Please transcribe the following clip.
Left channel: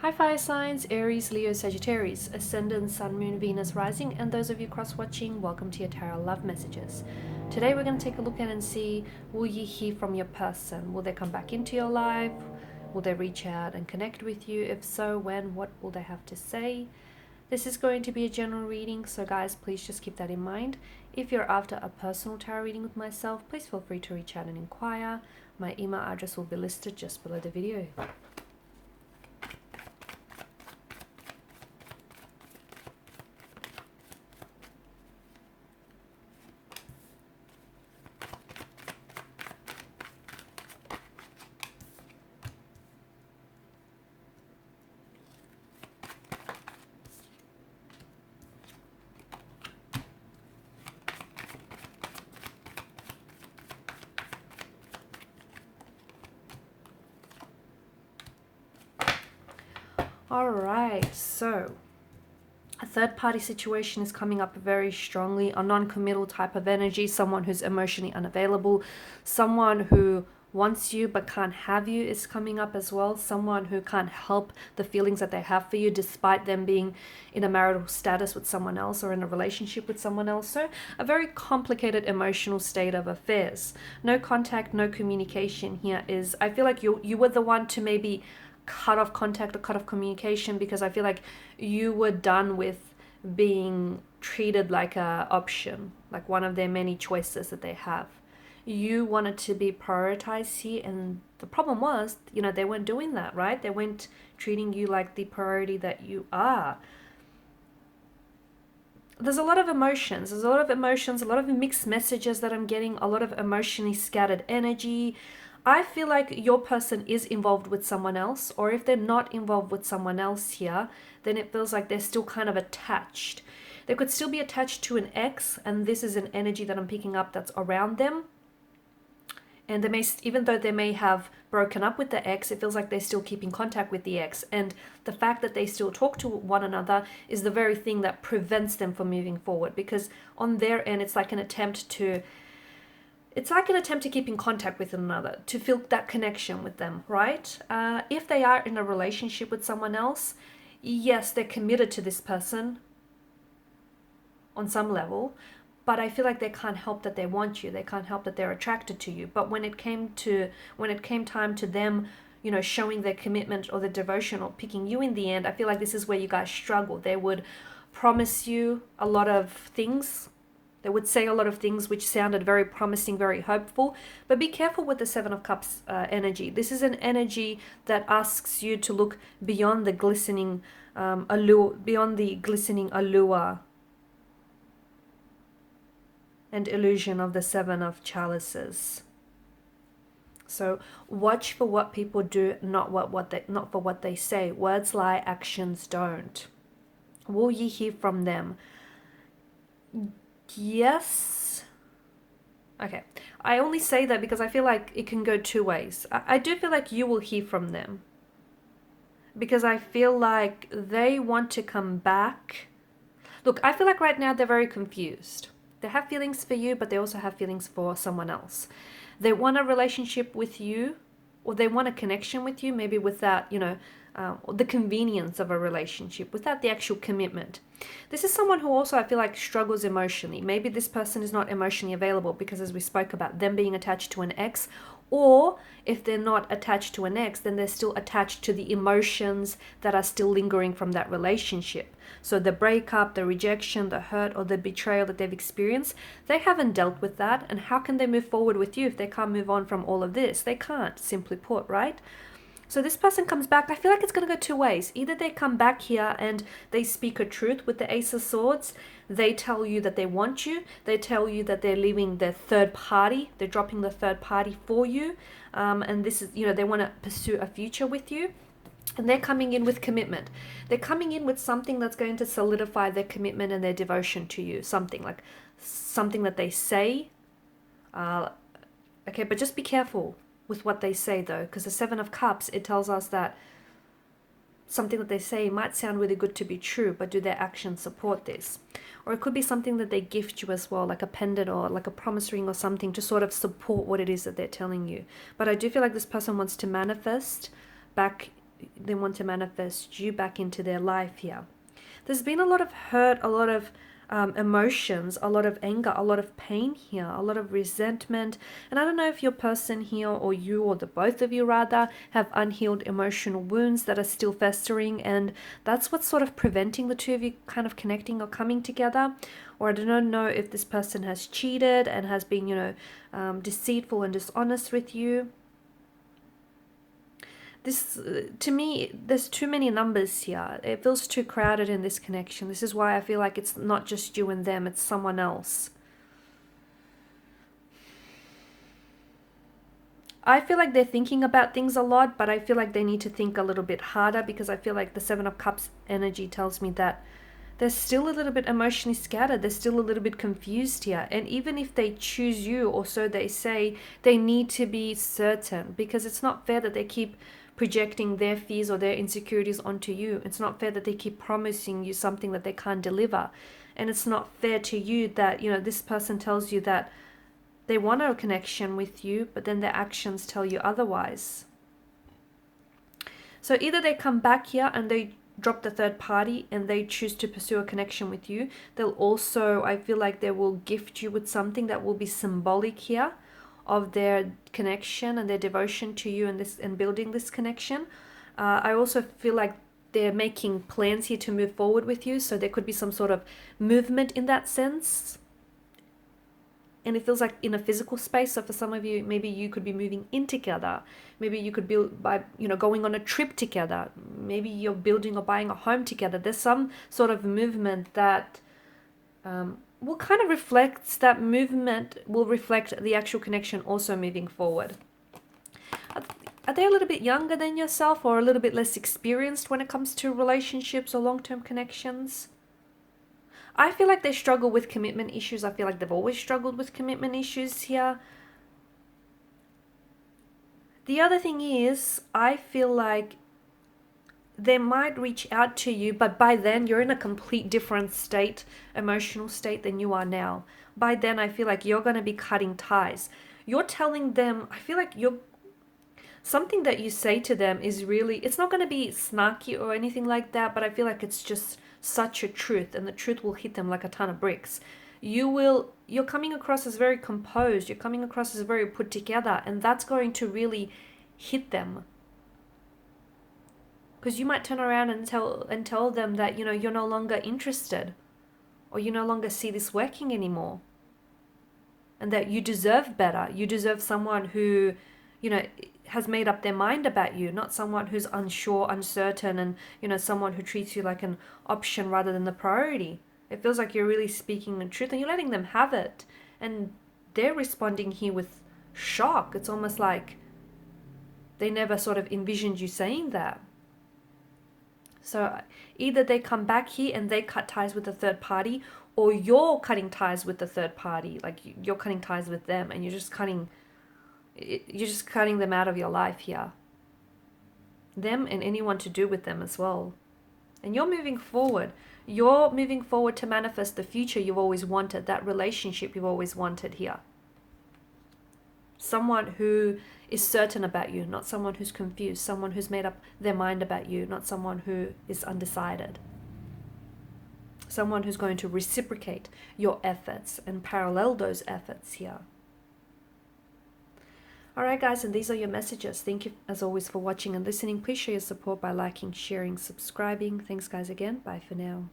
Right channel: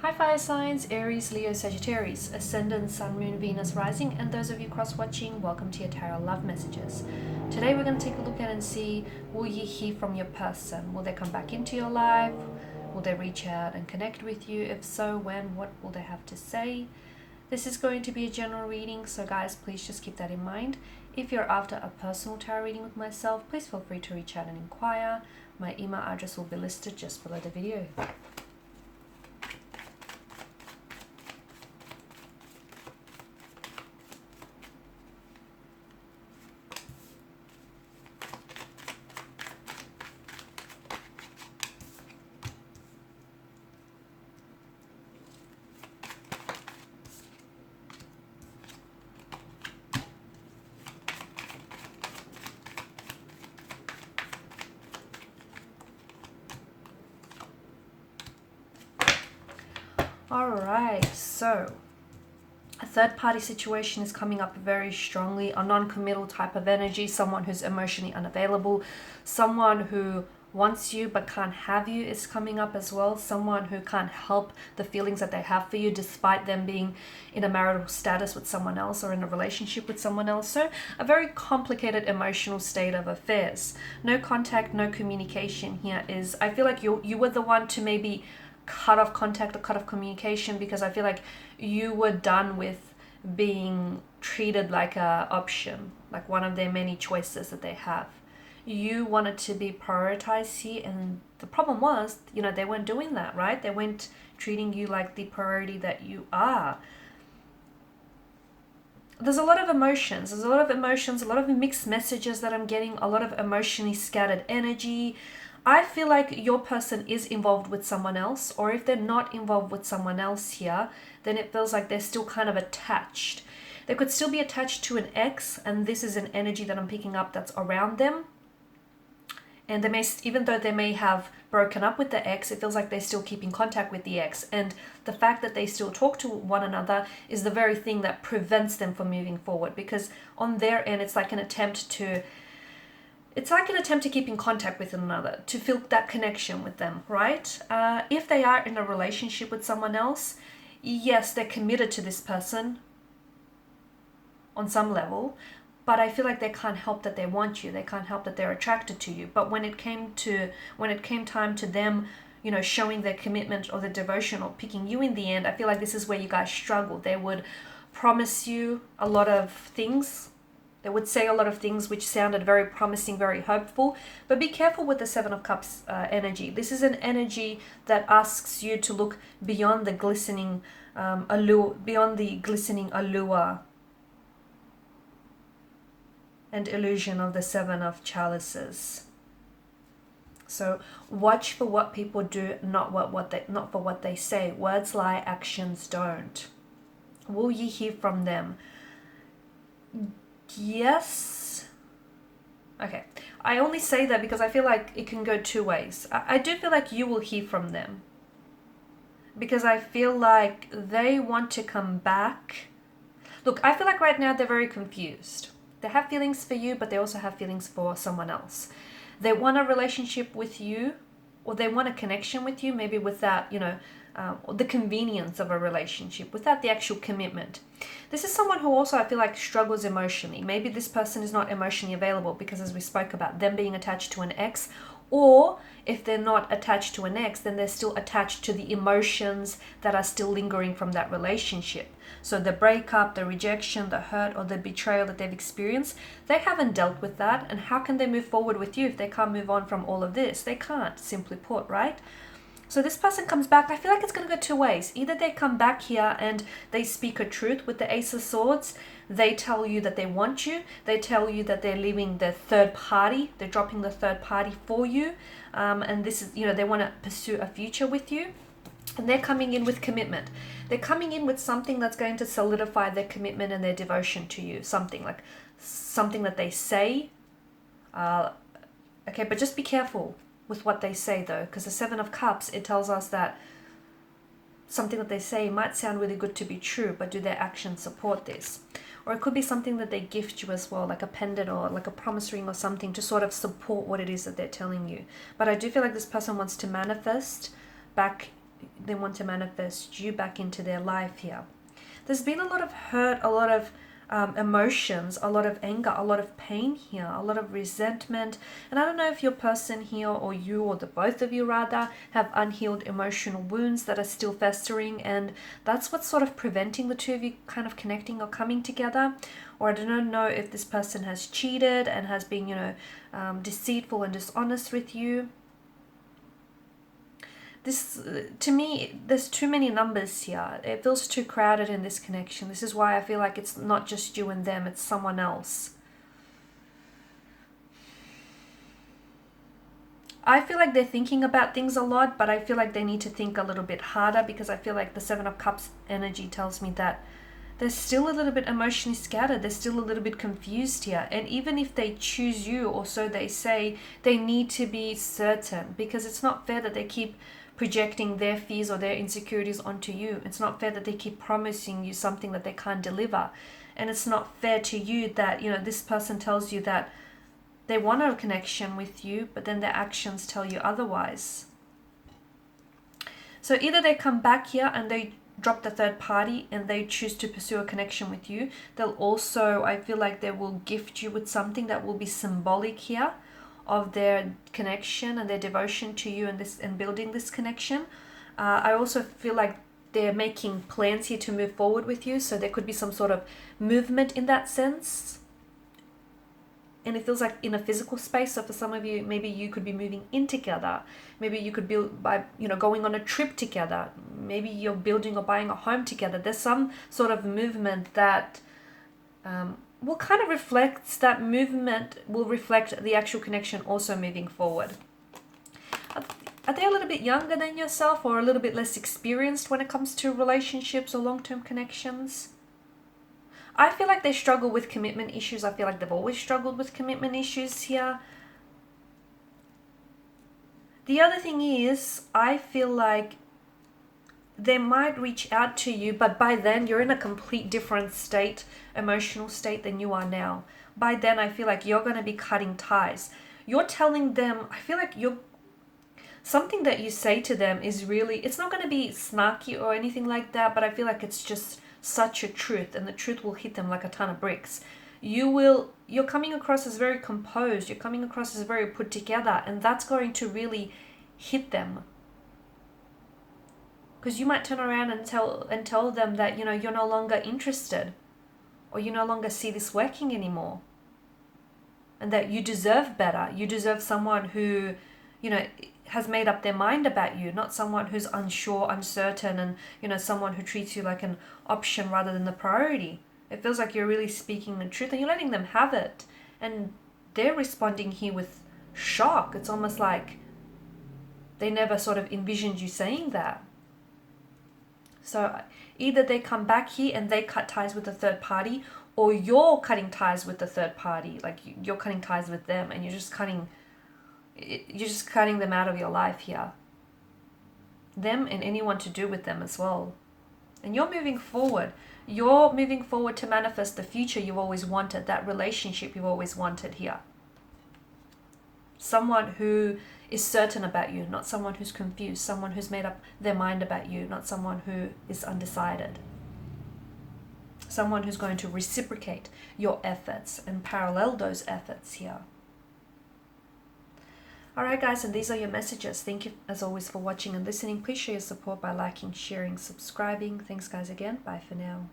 Hi fire signs, Aries, Leo, Sagittarius, Ascendant, Sun, Moon, Venus, Rising, and those of you cross-watching, welcome to your Tarot Love Messages. Today we're going to take a look at and see, will you hear from your person? Will they come back into your life? Will they reach out and connect with you? If so, when? What will they have to say? This is going to be a general reading, so guys, please just keep that in mind. If you're after a personal tarot reading with myself, please feel free to reach out and inquire. My email address will be listed just below the video. Alright, so a third party situation is coming up very strongly, a non-committal type of energy, someone who's emotionally unavailable, someone who wants you but can't have you is coming up as well, someone who can't help the feelings that they have for you despite them being in a marital status with someone else or in a relationship with someone else. So a very complicated emotional state of affairs. No contact, no communication here is, I feel like you were the one to maybe cut off contact or cut off communication, because I feel like you were done with being treated like a option, like one of their many choices that they have. You wanted to be prioritized here, and the problem was, they weren't doing that, right? They weren't treating you like the priority that you are. There's a lot of emotions, a lot of mixed messages that I'm getting, a lot of emotionally scattered energy. I feel like your person is involved with someone else, or if they're not involved with someone else here, then it feels like they're still kind of attached. They could still be attached to an ex, and this is an energy that I'm picking up that's around them. And they may, even though they may have broken up with the ex, it feels like they're still keeping contact with the ex. And the fact that they still talk to one another is the very thing that prevents them from moving forward, because on their end, it's like an attempt to keep in contact with one another, to feel that connection with them, right? If they are in a relationship with someone else, yes, they're committed to this person on some level, but I feel like they can't help that they want you. They can't help that they're attracted to you. But when it came time to them, showing their commitment or their devotion or picking you in the end, I feel like this is where you guys struggle. They would promise you a lot of things. They would say a lot of things which sounded very promising, very hopeful. But be careful with the Seven of Cups energy. This is an energy that asks you to look beyond the glistening allure, and illusion of the Seven of Chalices. So watch for what people do, not for what they say. Words lie, actions don't. Will you hear from them? Yes. Okay. I only say that because I feel like it can go two ways. I do feel like you will hear from them, because I feel like they want to come back. Look, I feel like right now they're very confused. They have feelings for you, but they also have feelings for someone else. They want a relationship with you, or they want a connection with you, maybe without, the convenience of a relationship, without the actual commitment. This is someone who also, I feel like, struggles emotionally. Maybe this person is not emotionally available because, as we spoke about, them being attached to an ex, or if they're not attached to an ex, then they're still attached to the emotions that are still lingering from that relationship. So the breakup, the rejection, the hurt, or the betrayal that they've experienced, they haven't dealt with that. And how can they move forward with you if they can't move on from all of this? They can't, simply put, right? So this person comes back. I feel like it's going to go two ways. Either they come back here and they speak a truth with the Ace of Swords. They tell you that they want you. They tell you that they're leaving the third party. They're dropping the third party for you. And this is, they want to pursue a future with you. And they're coming in with commitment. They're coming in with something that's going to solidify their commitment and their devotion to you. Something that they say. Okay, but just be careful with what they say, though, because the Seven of Cups, it tells us that something that they say might sound really good to be true, but do their actions support this? Or it could be something that they gift you as well, like a pendant or like a promise ring or something, to sort of support what it is that they're telling you. But I do feel like this person wants to manifest back they want to manifest you back into their life here. There's been a lot of hurt, a lot of emotions, a lot of anger, a lot of pain here, a lot of resentment. And I don't know if your person here, or you, or the both of you rather, have unhealed emotional wounds that are still festering, and that's what's sort of preventing the two of you kind of connecting or coming together. Or I don't know if this person has cheated and has been, deceitful and dishonest with you. This, to me, there's too many numbers here. It feels too crowded in this connection. This is why I feel like it's not just you and them, it's someone else. I feel like they're thinking about things a lot, but I feel like they need to think a little bit harder, because I feel like the Seven of Cups energy tells me that they're still a little bit emotionally scattered. They're still a little bit confused here. And even if they choose you, or so they say, they need to be certain, because it's not fair that they keep projecting their fears or their insecurities onto you. It's not fair that they keep promising you something that they can't deliver. And it's not fair to you that, this person tells you that they want a connection with you, but then their actions tell you otherwise. So either they come back here and they drop the third party and they choose to pursue a connection with you. They'll also, I feel like they will gift you with something that will be symbolic here of their connection and their devotion to you, and building this connection. I also feel like they're making plans here to move forward with you, so there could be some sort of movement in that sense. And it feels like in a physical space. So for some of you, maybe you could be moving in together. Maybe you could build by, going on a trip together. Maybe you're building or buying a home together. There's some sort of movement that will kind of reflect, that movement will reflect the actual connection also moving forward. Are they a little bit younger than yourself, or a little bit less experienced when it comes to relationships or long-term connections? I feel like they struggle with commitment issues. I feel like they've always struggled with commitment issues here. The other thing is, I feel like they might reach out to you, but by then you're in a complete different state, emotional state, than you are now. By then, I feel like you're going to be cutting ties. You're telling them, I feel like something that you say to them is really, it's not going to be snarky or anything like that, but I feel like it's just such a truth, and the truth will hit them like a ton of bricks. You're coming across as very composed, you're coming across as very put together, and that's going to really hit them. Because you might turn around and tell them that, you're no longer interested, or you no longer see this working anymore, and that you deserve better. You deserve someone who, has made up their mind about you, not someone who's unsure, uncertain, and, someone who treats you like an option rather than the priority. It feels like you're really speaking the truth, and you're letting them have it. And they're responding here with shock. It's almost like they never sort of envisioned you saying that. So either they come back here and they cut ties with the third party, or you're cutting ties with the third party. Like, you're cutting ties with them, and you're just cutting them out of your life here. Them and anyone to do with them as well. And you're moving forward. You're moving forward to manifest the future you've always wanted, that relationship you've always wanted here. Someone who is certain about you, not someone who's confused, someone who's made up their mind about you, not someone who is undecided. Someone who's going to reciprocate your efforts and parallel those efforts here. Alright guys, and these are your messages. Thank you as always for watching and listening. Please show your support by liking, sharing, subscribing. Thanks guys again. Bye for now.